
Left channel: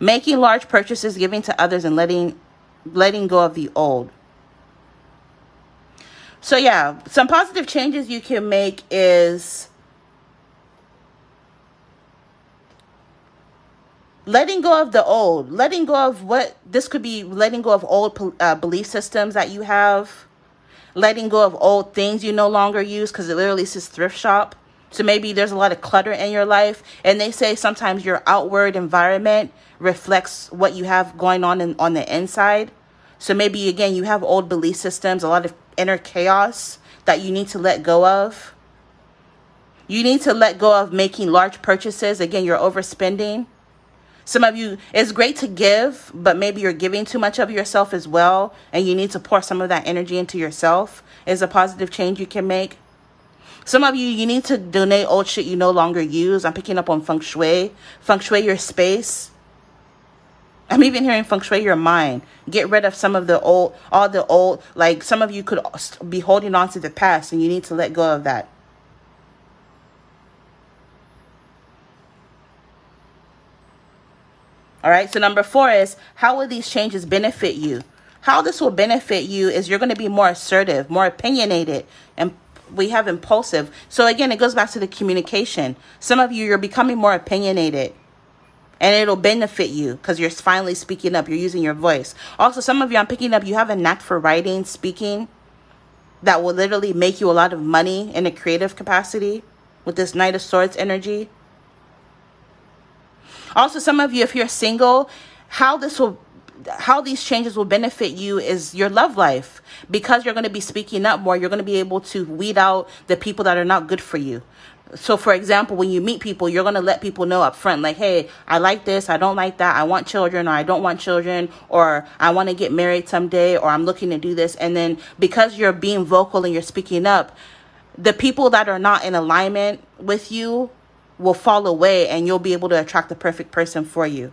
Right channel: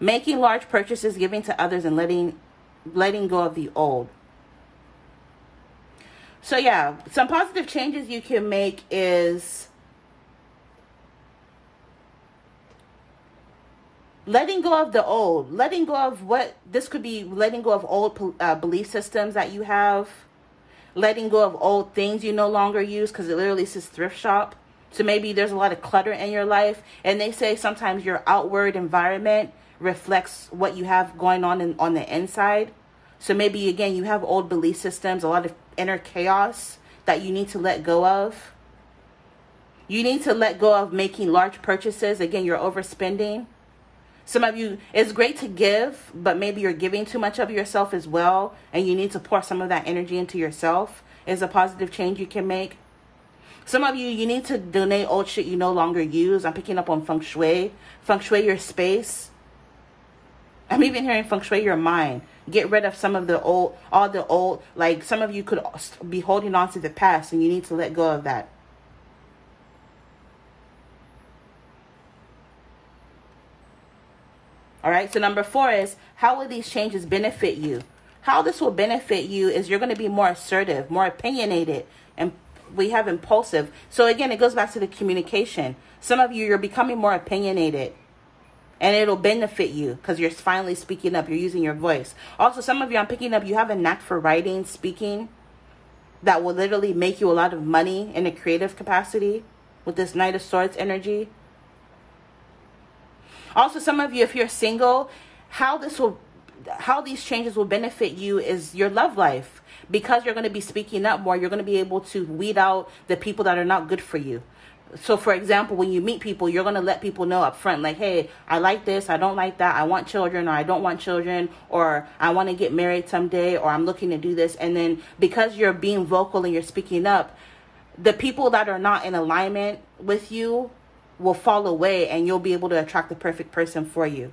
Making large purchases, giving to others, and letting go of the old. So yeah, some positive changes you can make is letting go of the old. Letting go of what, this could be letting go of old belief systems that you have. Letting go of old things you no longer use, because it literally says thrift shop. So maybe there's a lot of clutter in your life. And they say sometimes your outward environment reflects what you have going on on the inside. So maybe, again, you have old belief systems, a lot of inner chaos that you need to let go of. You need to let go of making large purchases. Again, you're overspending. Some of you, it's great to give, but maybe you're giving too much of yourself as well, and you need to pour some of that energy into yourself. Is a positive change you can make. Some of you, you need to donate old shit you no longer use. I'm picking up on feng shui. Feng shui your space. I'm even hearing feng shui your mind. Get rid of some of the old, like some of you could be holding on to the past, and you need to let go of that. All right, so number 4 is, how will these changes benefit you? How this will benefit you is you're going to be more assertive, more opinionated, and we have impulsive. So again, it goes back to the communication. Some of you, you're becoming more opinionated, and it'll benefit you because you're finally speaking up. You're using your voice. Also, some of you, I'm picking up, you have a knack for writing, speaking, that will literally make you a lot of money in a creative capacity with this Knight of Swords energy. Also, some of you, if you're single, how these changes will benefit you is your love life. Because you're going to be speaking up more, you're going to be able to weed out the people that are not good for you. So for example, when you meet people, you're going to let people know up front, like, hey, I like this, I don't like that, I want children, or I don't want children, or I want to get married someday, or I'm looking to do this. And then because you're being vocal and you're speaking up, the people that are not in alignment with you will fall away, and you'll be able to attract the perfect person for you.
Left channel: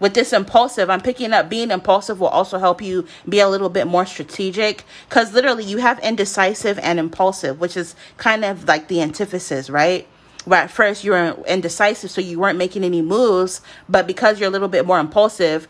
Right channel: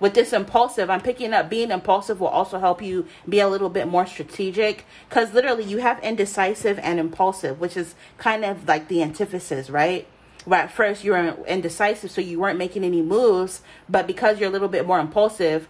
With this impulsive, I'm picking up being impulsive will also help you be a little bit more strategic, because literally you have indecisive and impulsive, which is kind of like the antithesis, right? Where at first you were indecisive, so you weren't making any moves, but because you're a little bit more impulsive,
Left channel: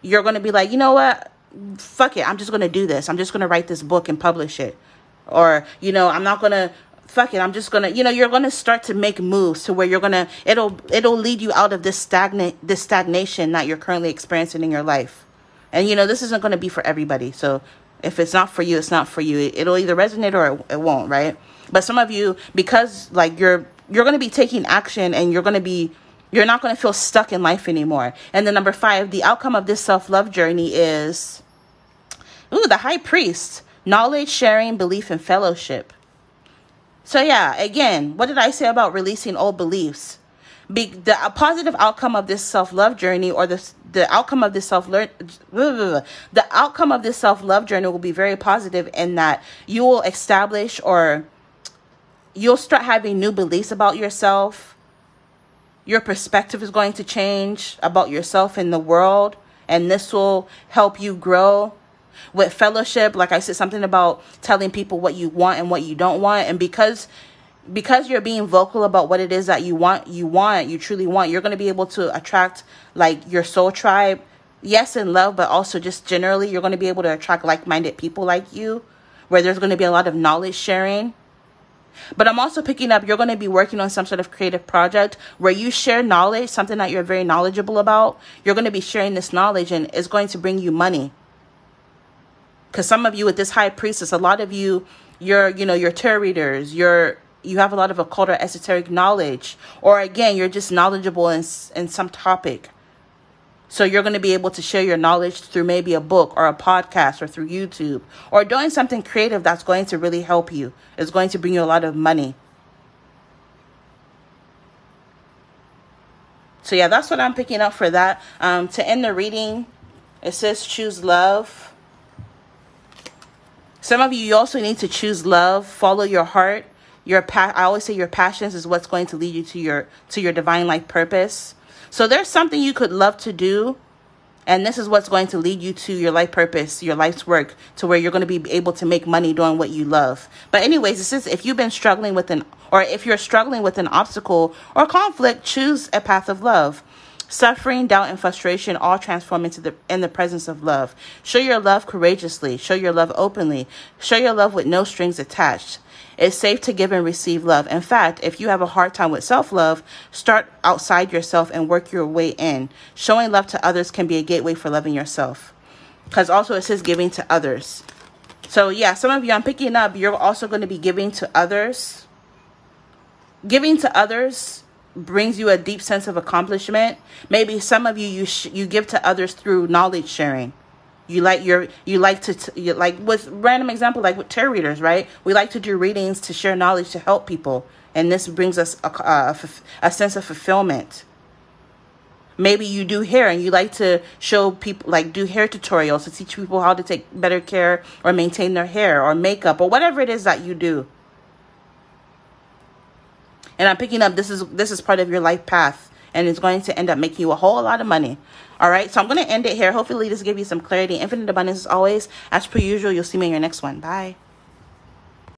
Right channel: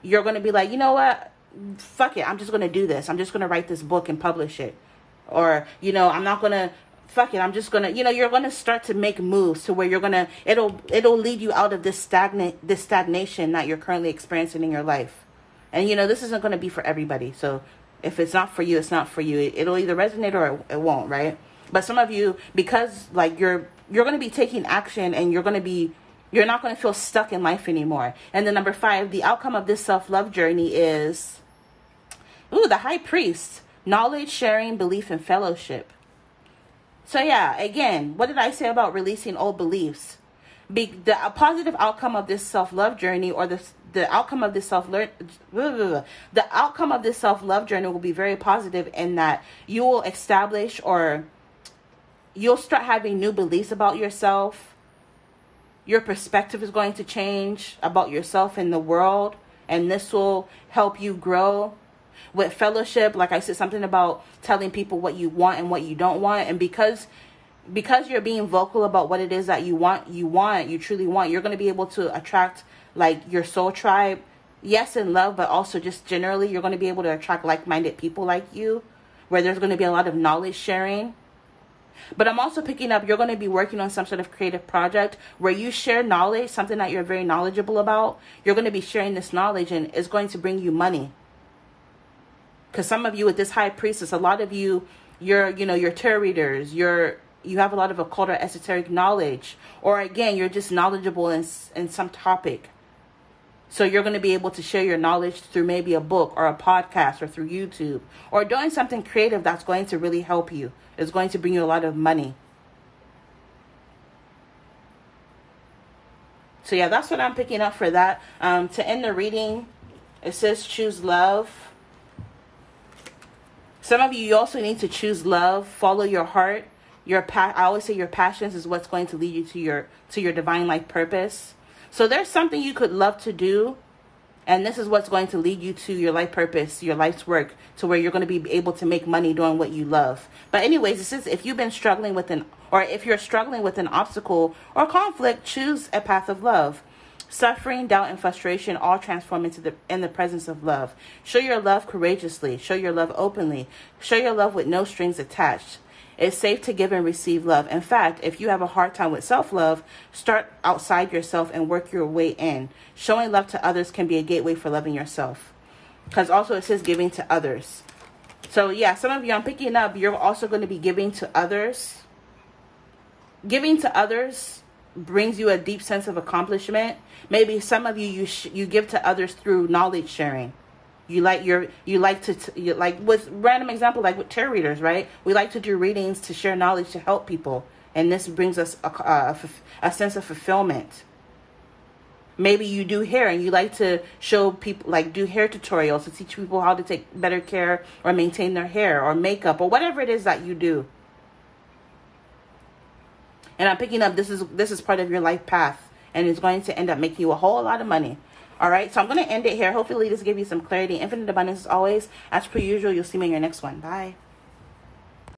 you're going to be like, you know what? Fuck it. I'm just going to do this. I'm just going to write this book and publish it. Or, you know, I'm not going to, fuck it, I'm just going to, you know, you're going to start to make moves to where you're going to, it'll lead you out of this stagnation that you're currently experiencing in your life. And, you know, this isn't going to be for everybody. So if it's not for you, it's not for you. It'll either resonate or it won't, right? But some of you, because like you're going to be taking action, and you're not going to feel stuck in life anymore. And then number 5, the outcome of this self-love journey is, the High Priest, knowledge, sharing, belief, and fellowship. So yeah, again, what did I say about releasing old beliefs? The positive outcome of this self-love journey, or the outcome of this self-love journey will be very positive, in that you will establish, or you'll start having new beliefs about yourself. Your perspective is going to change about yourself in the world, and this will help you grow. With fellowship, like I said, something about telling people what you want and what you don't want. And because you're being vocal about what it is that you truly want, you're going to be able to attract like your soul tribe. Yes, in love, but also just generally, you're going to be able to attract like-minded people like you, where there's going to be a lot of knowledge sharing. But I'm also picking up, you're going to be working on some sort of creative project where you share knowledge, something that you're very knowledgeable about. You're going to be sharing this knowledge, and it's going to bring you money. Because some of you with this High Priestess, a lot of you, you're tarot readers, you have a lot of occult or esoteric knowledge, or again, you're just knowledgeable in some topic. So you're going to be able to share your knowledge through maybe a book or a podcast or through YouTube, or doing something creative that's going to really help you. It's going to bring you a lot of money. So yeah, that's what I'm picking up for that. To end the reading, it says choose love. Some of you also need to choose love. Follow your heart. I always say your passions is what's going to lead you to your divine life purpose. So there's something you could love to do, and this is what's going to lead you to your life purpose, your life's work, to where you're going to be able to make money doing what you love. But anyways, this is if you've been struggling with if you're struggling with an obstacle or conflict, choose a path of love. Suffering, doubt, and frustration all transform in the presence of love. Show your love courageously. Show your love openly. Show your love with no strings attached. It's safe to give and receive love. In fact, if you have a hard time with self-love, start outside yourself and work your way in. Showing love to others can be a gateway for loving yourself. Because also it says giving to others. So yeah, some of you, I'm picking up, you're also going to be giving to others. Giving to others brings you a deep sense of accomplishment. Maybe some of you give to others through knowledge sharing. You like with random example, like with tarot readers, right? We like to do readings to share knowledge, to help people, and this brings us a sense of fulfillment. Maybe you do hair and you like to show people, like do hair tutorials to teach people how to take better care or maintain their hair or makeup or whatever it is that you do. And I'm picking up this is part of your life path, and it's going to end up making you a whole lot of money. All right, so I'm going to end it here. Hopefully this gave you some clarity. Infinite abundance as always. As per usual, you'll see me in your next one. Bye.